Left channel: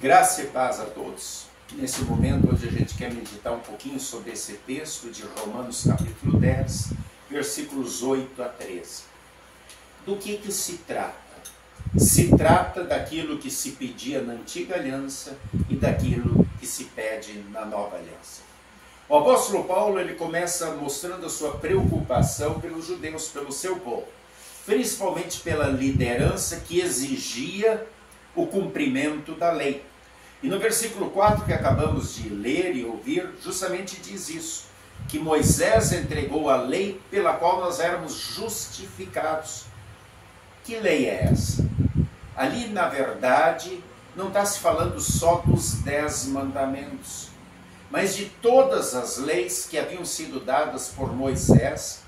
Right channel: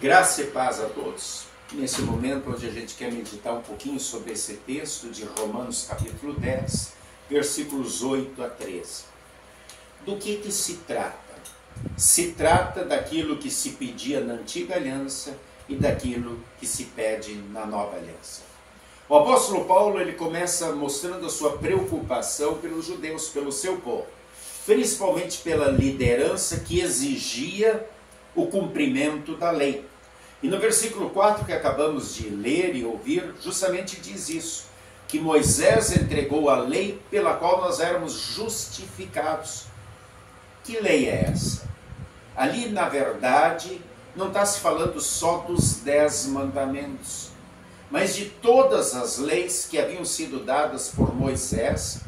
Graça e paz a todos. Nesse momento onde a gente quer meditar um pouquinho sobre esse texto de Romanos capítulo 10, versículos 8 a 13. Do que se trata? Se trata daquilo que se pedia na antiga aliança e daquilo que se pede na nova aliança. O apóstolo Paulo ele começa mostrando a sua preocupação pelos judeus, pelo seu povo, principalmente pela liderança que exigia o cumprimento da lei. E no versículo 4 que acabamos de ler e ouvir, justamente diz isso, que Moisés entregou a lei pela qual nós éramos justificados. Que lei é essa? Ali, na verdade, não está se falando só dos 10 mandamentos, mas de todas as leis que haviam sido dadas por Moisés,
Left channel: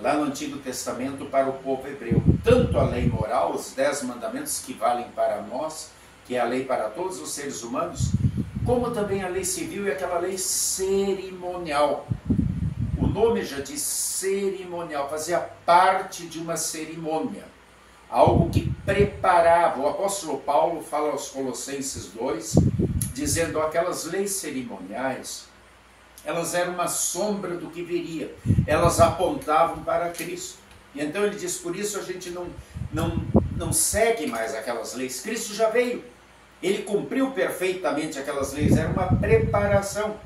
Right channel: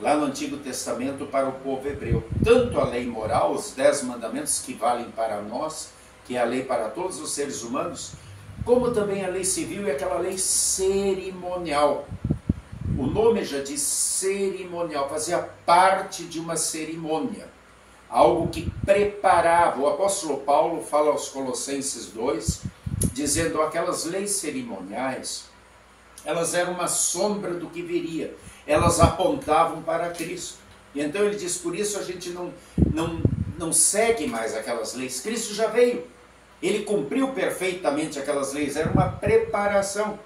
lá no Antigo Testamento, para o povo hebreu. Tanto a lei moral, os 10 mandamentos que valem para nós, que é a lei para todos os seres humanos, como também a lei civil e aquela lei cerimonial. O nome já diz cerimonial, fazia parte de uma cerimônia, algo que preparava. O apóstolo Paulo fala aos Colossenses 2, dizendo aquelas leis cerimoniais, elas eram uma sombra do que viria, elas apontavam para Cristo. E então ele diz, por isso a gente não segue mais aquelas leis. Cristo já veio, ele cumpriu perfeitamente aquelas leis, era uma preparação.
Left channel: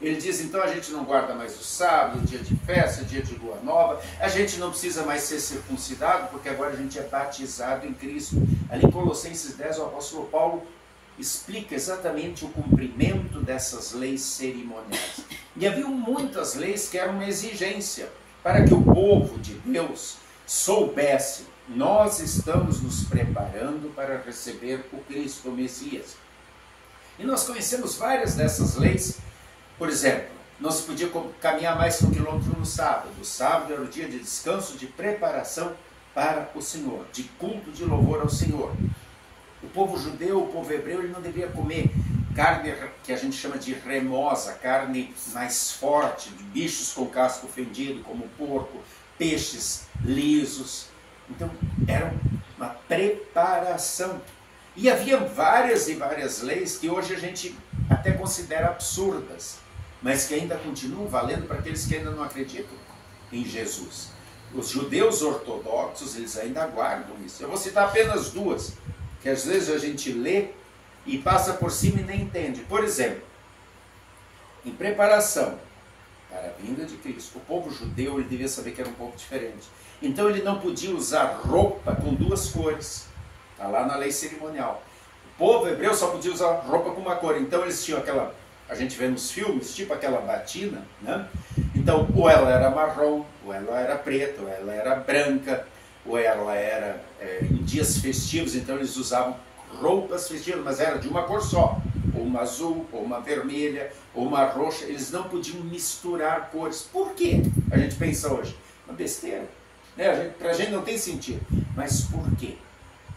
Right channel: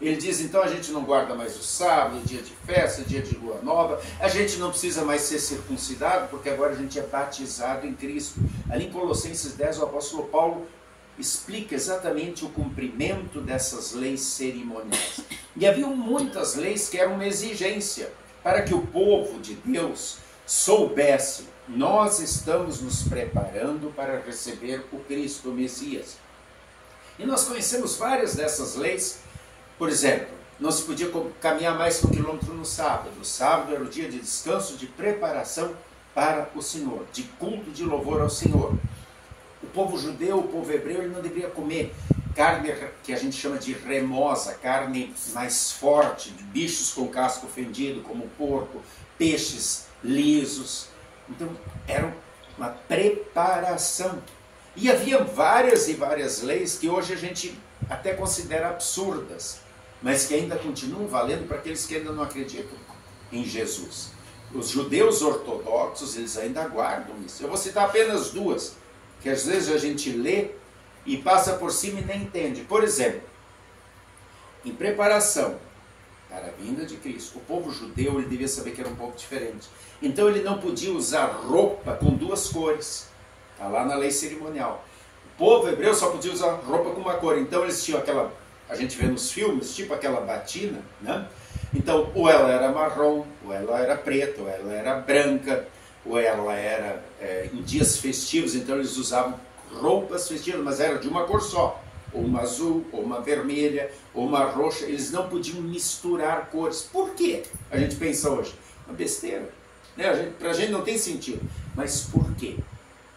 Ele diz, então a gente não guarda mais o sábado, dia de festa, dia de lua nova, a gente não precisa mais ser circuncidado, porque agora a gente é batizado em Cristo. Ali em Colossenses 10, o apóstolo Paulo explica exatamente o cumprimento dessas leis cerimoniais. E havia muitas leis que eram uma exigência para que o povo de Deus soubesse, nós estamos nos preparando para receber o Cristo, o Messias. E nós conhecemos várias dessas leis. Por exemplo, não se podia caminhar mais que 1 quilômetro no sábado. O sábado era o dia de descanso, de preparação para o Senhor, de culto, de louvor ao Senhor. O povo judeu, o povo hebreu, ele não deveria comer carne que a gente chama de remosa, carne mais forte, de bichos com casco fendido, como porco, peixes lisos. Então, era uma preparação. E havia várias e várias leis que hoje a gente até considera absurdas, mas que ainda continuam valendo para aqueles que ainda não acreditam em Jesus. Os judeus ortodoxos, eles ainda guardam isso. Eu vou citar apenas duas, que às vezes a gente lê e passa por cima e nem entende. Por exemplo, em preparação para a vinda de Cristo, o povo judeu ele devia saber que era um povo diferente. Então ele não podia usar roupa com duas cores. Está lá na lei cerimonial. O povo hebreu só podia usar roupa com uma cor. Então eles tinham aquela, a gente vê nos filmes, tipo aquela batina, né? Então ou ela era marrom, ou ela era preta, ou ela era branca, ou ela era em dias festivos, então eles usavam roupas festivas, mas era de uma cor só, ou uma azul, ou uma vermelha, ou uma roxa. Eles não podiam misturar cores. Por quê? A gente pensa hoje, uma besteira, né? Para a gente não tem sentido. Mas por quê?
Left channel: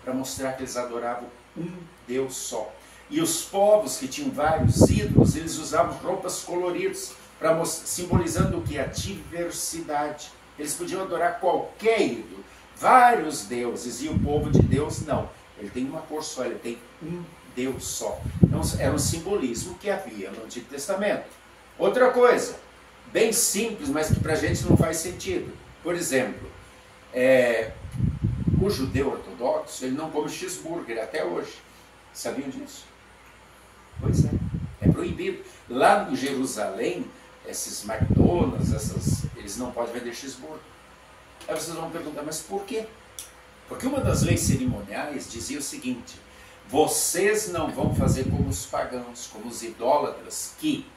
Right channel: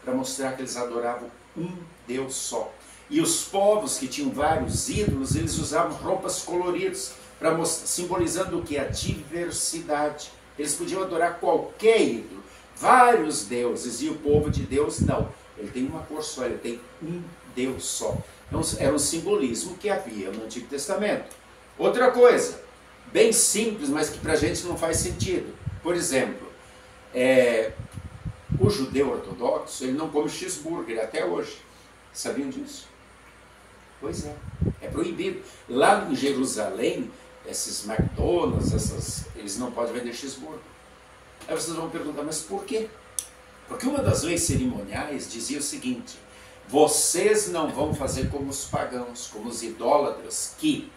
Para mostrar que eles adoravam um Deus só. E os povos que tinham vários ídolos, eles usavam roupas coloridas, simbolizando o que? A diversidade. Eles podiam adorar qualquer ídolo, vários deuses, e o povo de Deus não. Ele tem uma cor só, ele tem um Deus só. Então, era um simbolismo que havia no Antigo Testamento. Outra coisa, bem simples, mas que para a gente não faz sentido. Por exemplo, o judeu ortodoxo, ele não come cheeseburger até hoje. Sabiam disso? Pois é proibido. Lá em Jerusalém, esses McDonald's, eles não podem vender cheeseburger. Aí vocês vão perguntar, mas por quê? Porque uma das leis cerimoniais dizia o seguinte, vocês não vão fazer como os pagãos, como os idólatras, que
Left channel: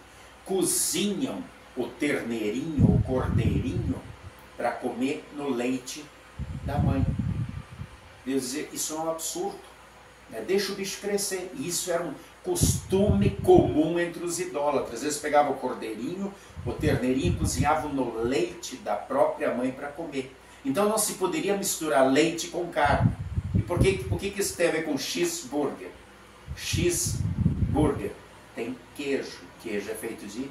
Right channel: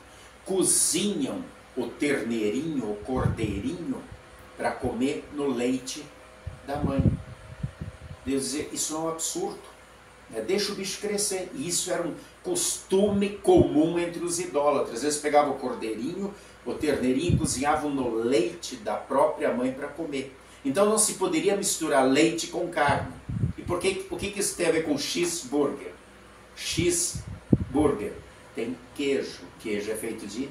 cozinham o terneirinho, o cordeirinho, para comer no leite da mãe. Deus dizia, isso é um absurdo, né? Deixa o bicho crescer. E isso era um costume comum entre os idólatras. Eles pegavam o cordeirinho, o terneirinho, e cozinhavam no leite da própria mãe para comer. Então não se poderia misturar leite com carne. E o que isso tem a ver com cheeseburger? Cheeseburger tem queijo. Queijo é feito de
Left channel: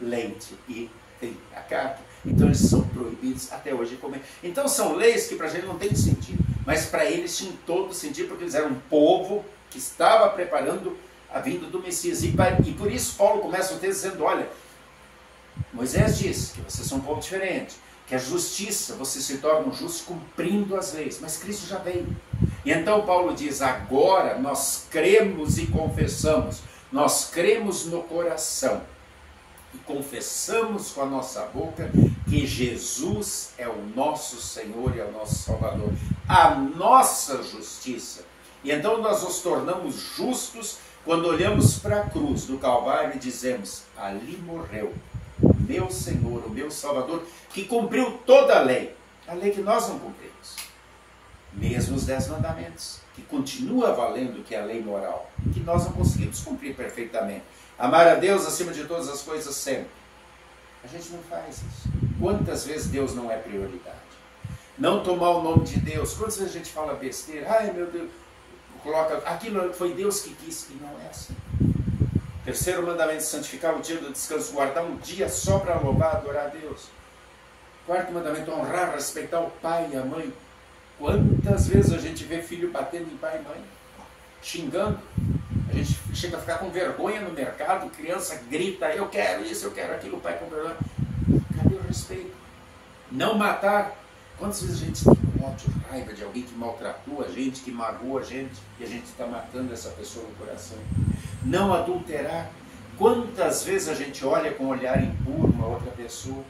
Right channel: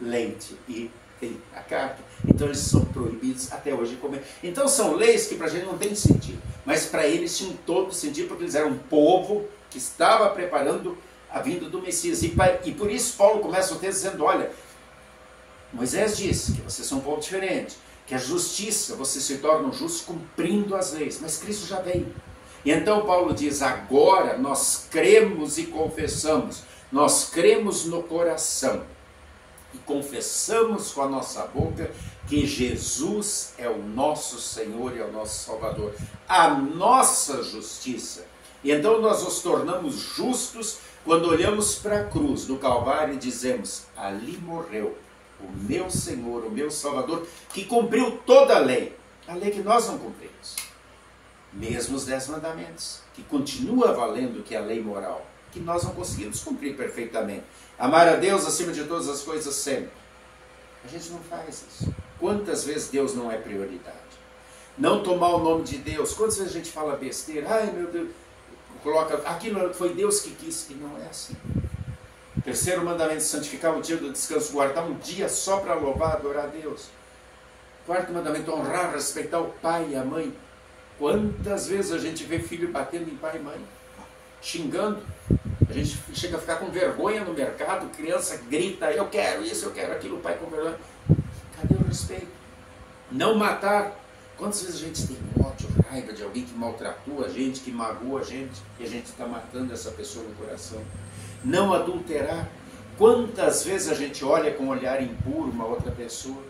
leite e tem a carne. Então eles são proibidos até hoje de comer. Então são leis que para a gente não tem sentido. Mas para eles tinham todo sentido, porque eles eram um povo que estava preparando a vinda do Messias. E por isso Paulo começa o texto dizendo, olha, Moisés disse que vocês são um povo diferente, que a justiça, você se torna justo cumprindo as leis, mas Cristo já veio. E então Paulo diz, agora nós cremos e confessamos, nós cremos no coração e confessamos com a nossa boca que Jesus é o nosso Senhor e é o nosso Salvador, a nossa justiça. E então nós nos tornamos justos quando olhamos para a cruz do Calvário e dizemos, ali morreu o meu Senhor, o meu Salvador, que cumpriu toda a lei que nós não cumprimos. Mesmo os 10 mandamentos, que continua valendo, que é a lei moral, que nós não conseguimos cumprir perfeitamente. Amar a Deus acima de todas as coisas sempre. A gente não faz isso. Quantas vezes Deus não é prioridade? Não tomar o nome de Deus. Quantas vezes a gente fala besteira? Ai meu Deus, coloca, aquilo foi Deus que quis. E não é assim. Terceiro mandamento, santificar o dia do descanso, guardar um dia só para louvar, adorar a Deus. Quarto mandamento, honrar, respeitar o pai e a mãe. Quantas vezes a gente vê filho batendo em pai e mãe, xingando? A gente chega a ficar com vergonha no mercado, criança grita, eu quero isso, eu quero aquilo, o pai com vergonha. Cadê o respeito? Não matar. Quantas vezes a gente tem ódio, raiva de alguém que maltratou a gente, que magoou a gente, e a gente está matando essa pessoa no coração? Não adulterar. Quantas vezes a gente olha com um olhar impuro uma outra pessoa?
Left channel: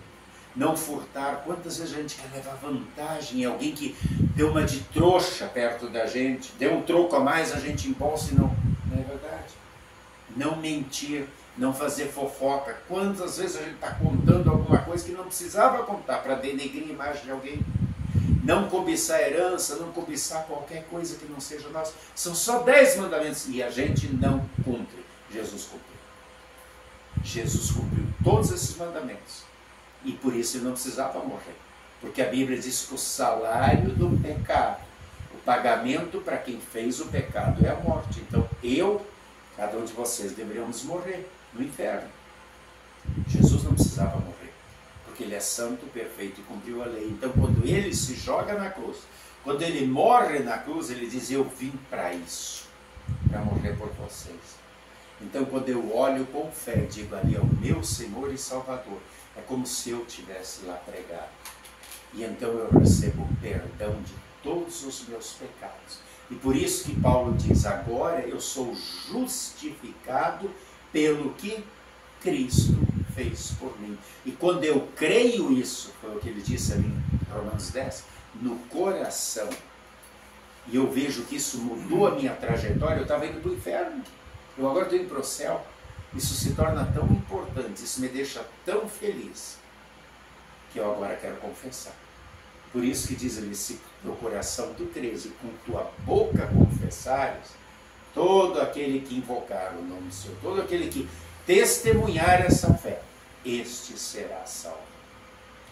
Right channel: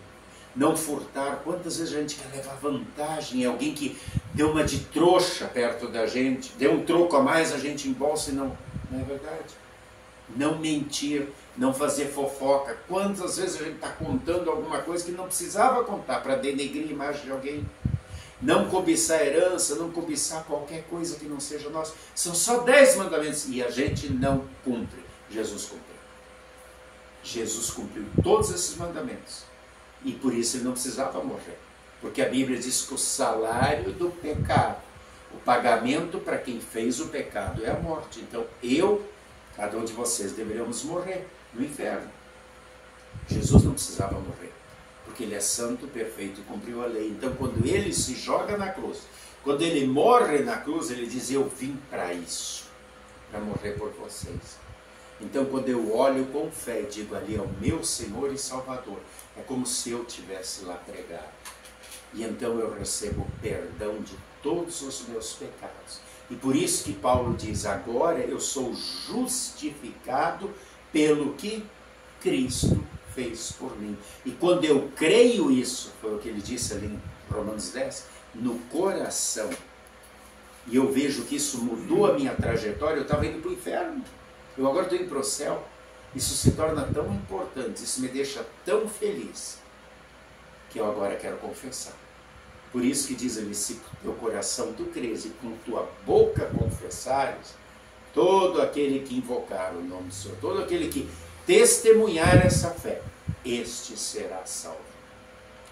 Não furtar. Quantas vezes a gente quer levar vantagem em alguém que deu uma de trouxa perto da gente, deu um troco a mais, a gente embolsa e não é verdade. Não mentir, não fazer fofoca. Quantas vezes a gente está contando alguma coisa que não precisava contar para denegrir a imagem de alguém? Não cobiçar herança, não cobiçar qualquer coisa que não seja nossa. São só 10 mandamentos e a gente não cumpre. Jesus cumpriu. Jesus cumpriu todos esses mandamentos. E por isso ele não precisava morrer. Porque a Bíblia diz que o salário do pecado, o pagamento para quem fez o pecado é a morte. Então cada um de vocês deveríamos morrer no inferno. Jesus não precisava morrer, porque ele é santo, perfeito e cumpriu a lei. Então quando ele se joga na cruz, quando ele morre na cruz, ele diz, eu vim para isso, para morrer por vocês. Então quando eu olho com fé e digo, ali é o meu Senhor e Salvador, é como se eu tivesse lá pregado. E então eu recebo perdão de todos os meus pecados. E por isso que Paulo diz, agora eu sou justificado pelo que Cristo fez por mim. E quando eu creio isso, foi o que ele disse ali em Romanos 10, no coração, e eu vejo que isso mudou a minha trajetória, eu estava indo para o inferno, eu agora estou indo para o céu. Isso se torna tão importante, isso me deixa tão feliz, que eu agora quero confessar. Por isso que diz ali, se teu coração tu crês e com tua boca confessares, todo aquele que invocar o nome do Senhor, todo aquele que testemunhar essa fé, este será salvo.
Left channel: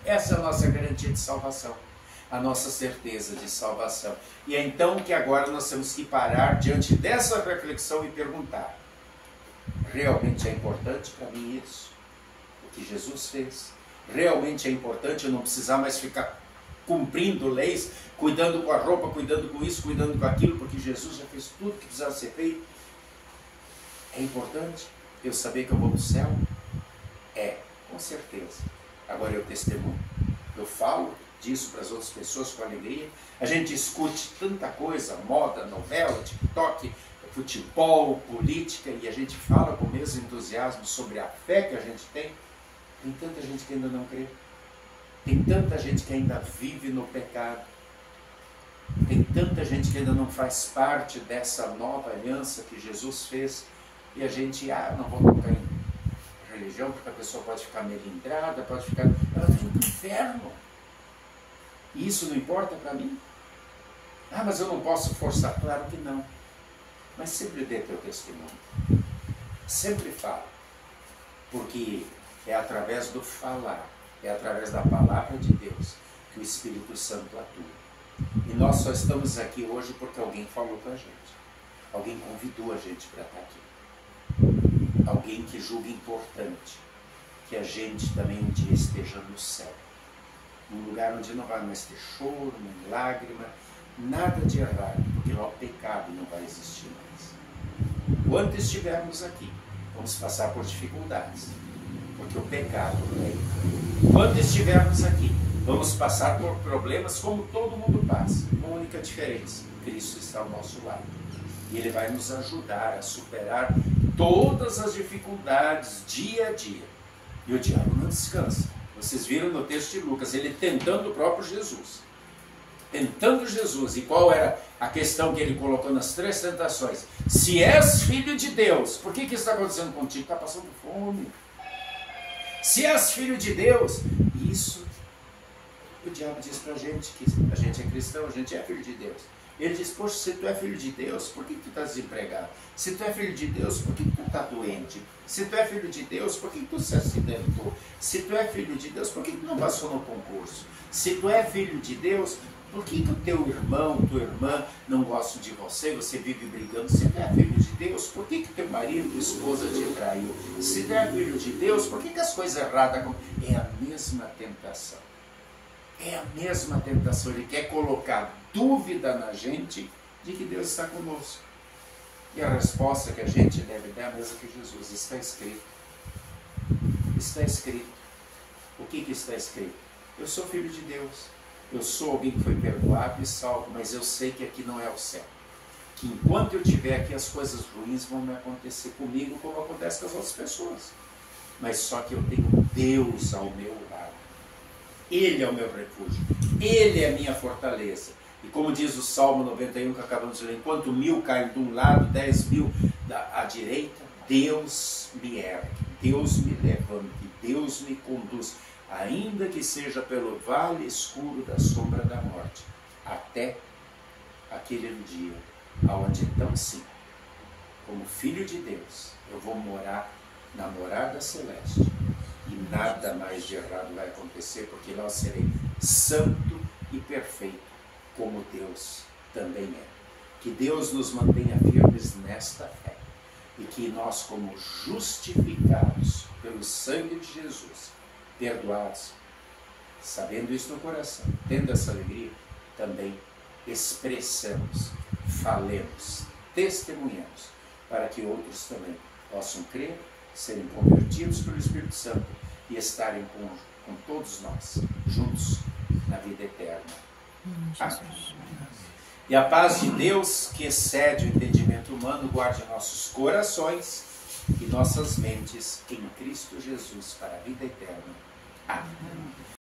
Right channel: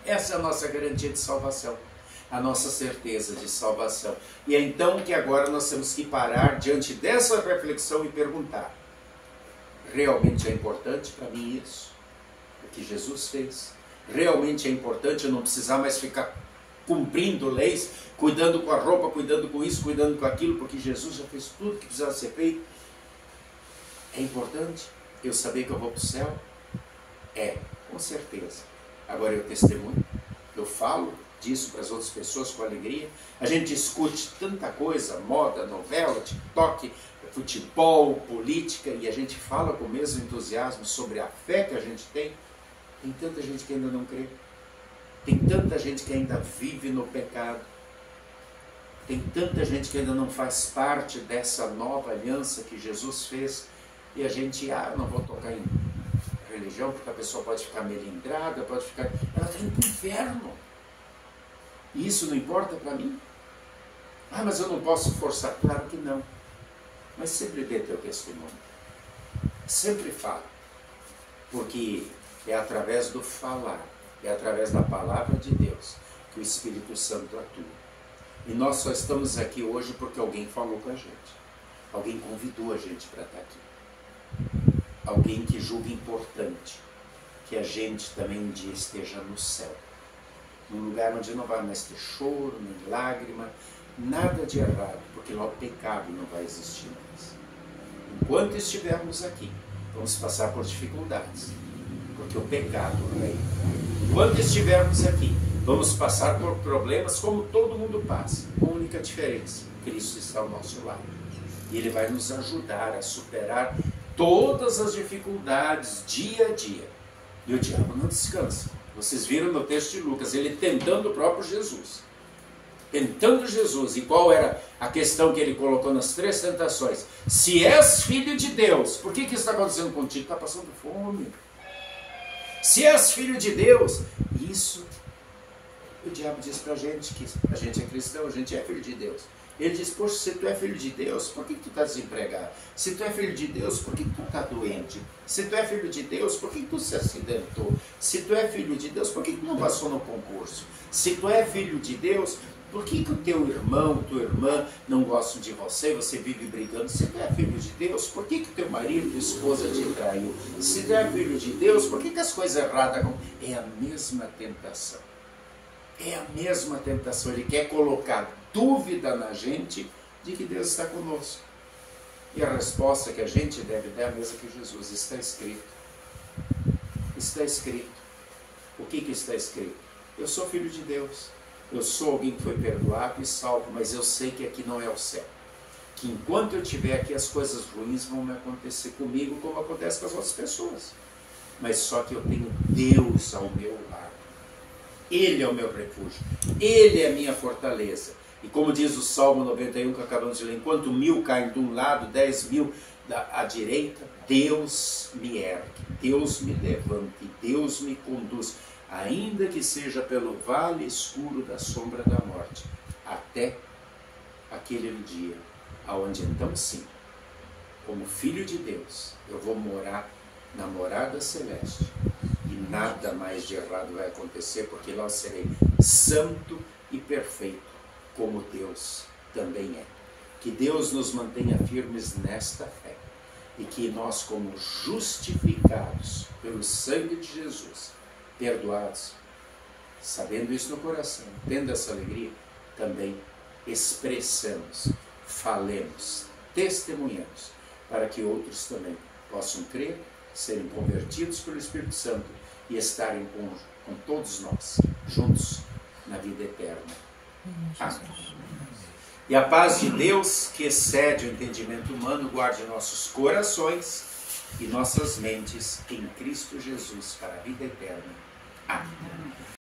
Essa é a nossa garantia de salvação, a nossa certeza de salvação. E é então que agora nós temos que parar diante dessa reflexão e perguntar, realmente é importante para mim isso? O que Jesus fez? Realmente é importante eu não precisar mais ficar cumprindo leis, cuidando com a roupa, cuidando com isso, cuidando com aquilo, porque Jesus já fez tudo que precisava ser feito? É importante eu saber que eu vou para o céu? É, com certeza. Agora eu testemunho, eu falo disso para as outras pessoas com alegria. A gente discute tanta coisa, moda, novela, TikTok, futebol, política, e a gente fala com o mesmo entusiasmo sobre a fé que a gente tem. Tem tanta gente que ainda não crê. Tem tanta gente que ainda vive no pecado. Tem tanta gente que ainda não faz parte dessa nova aliança que Jesus fez. E a gente, não vou tocar em religião, porque a pessoa pode ficar melindrada, pode ficar... Ela está indo para o inferno. E isso não importa para mim? Mas eu não posso forçar. Claro que não. Mas sempre dê teu testemunho. Sempre fala. Porque é através do falar, é através da palavra de Deus que o Espírito Santo atua. E nós só estamos aqui hoje porque alguém falou com a gente. Alguém convidou a gente para estar aqui. Alguém que julga importante que a gente também um dia esteja no céu. Num lugar onde não vai mais ter choro, nem lágrima, nada de errado, porque lá o pecado não vai existir mais. enquanto estivermos aqui, vamos passar por dificuldades, porque o pecado reina. Enquanto estivermos aqui, vamos passar por problemas como todo mundo passa, com a única diferença: Cristo está ao nosso lado. E Ele vai nos ajudar a superar todas as dificuldades dia a dia. E o diabo não descansa. Vocês viram no texto de Lucas, ele tentando o próprio Jesus. Tentando Jesus. E qual era a questão que ele colocou nas 3 tentações? Se és filho de Deus, por que isso está acontecendo contigo? Está passando fome. Se és filho de Deus, isso o diabo diz para a gente, que a gente é cristão, a gente é filho de Deus. Ele diz: poxa, se tu é filho de Deus, por que tu está desempregado? Se tu é filho de Deus, por que tu está doente? Se tu é filho de Deus, por que tu se acidentou? Se tu é filho de Deus, por que tu não passou no concurso? Se tu é filho de Deus, por que o teu irmão, tua irmã não gostam de você, você vive brigando? Se tu é filho de Deus, por que teu marido, tua esposa te traiu? Se tu é filho de Deus, por que as coisas erradas acontecem? É a mesma tentação. É a mesma tentação. Ele quer colocar dúvida na gente de que Deus está conosco. E a resposta que a gente deve dar é a mesma que Jesus. Está escrito. Está escrito. O que está escrito? Eu sou filho de Deus. Eu sou alguém que foi perdoado e salvo, mas eu sei que aqui não é o céu. Que enquanto eu estiver aqui, as coisas ruins vão acontecer comigo, como acontece com as outras pessoas. Mas só que eu tenho Deus ao meu lado. Ele é o meu refúgio. Ele é a minha fortaleza. E como diz o Salmo 91 que acabamos de ler, enquanto 1000 caem de um lado, 10.000 à direita, Deus me ergue, Deus me levante, Deus me conduz, ainda que seja pelo vale escuro da sombra da morte, até aquele dia, aonde então sim, como filho de Deus, eu vou morar na morada celeste, e nada mais de errado vai acontecer, porque lá eu serei santo e perfeito, como Deus também é. Que Deus nos mantenha firmes nesta fé, e que nós, como justificados pelo sangue de Jesus, perdoados, sabendo isso no coração, tendo essa alegria, também expressamos, falemos, testemunhamos, para que outros também possam crer, serem convertidos pelo Espírito Santo e estarem com todos nós, juntos, na vida eterna. Amém. E a paz de Deus, que excede o entendimento humano, guarde nossos corações e nossas mentes em Cristo Jesus para a vida eterna. Amém.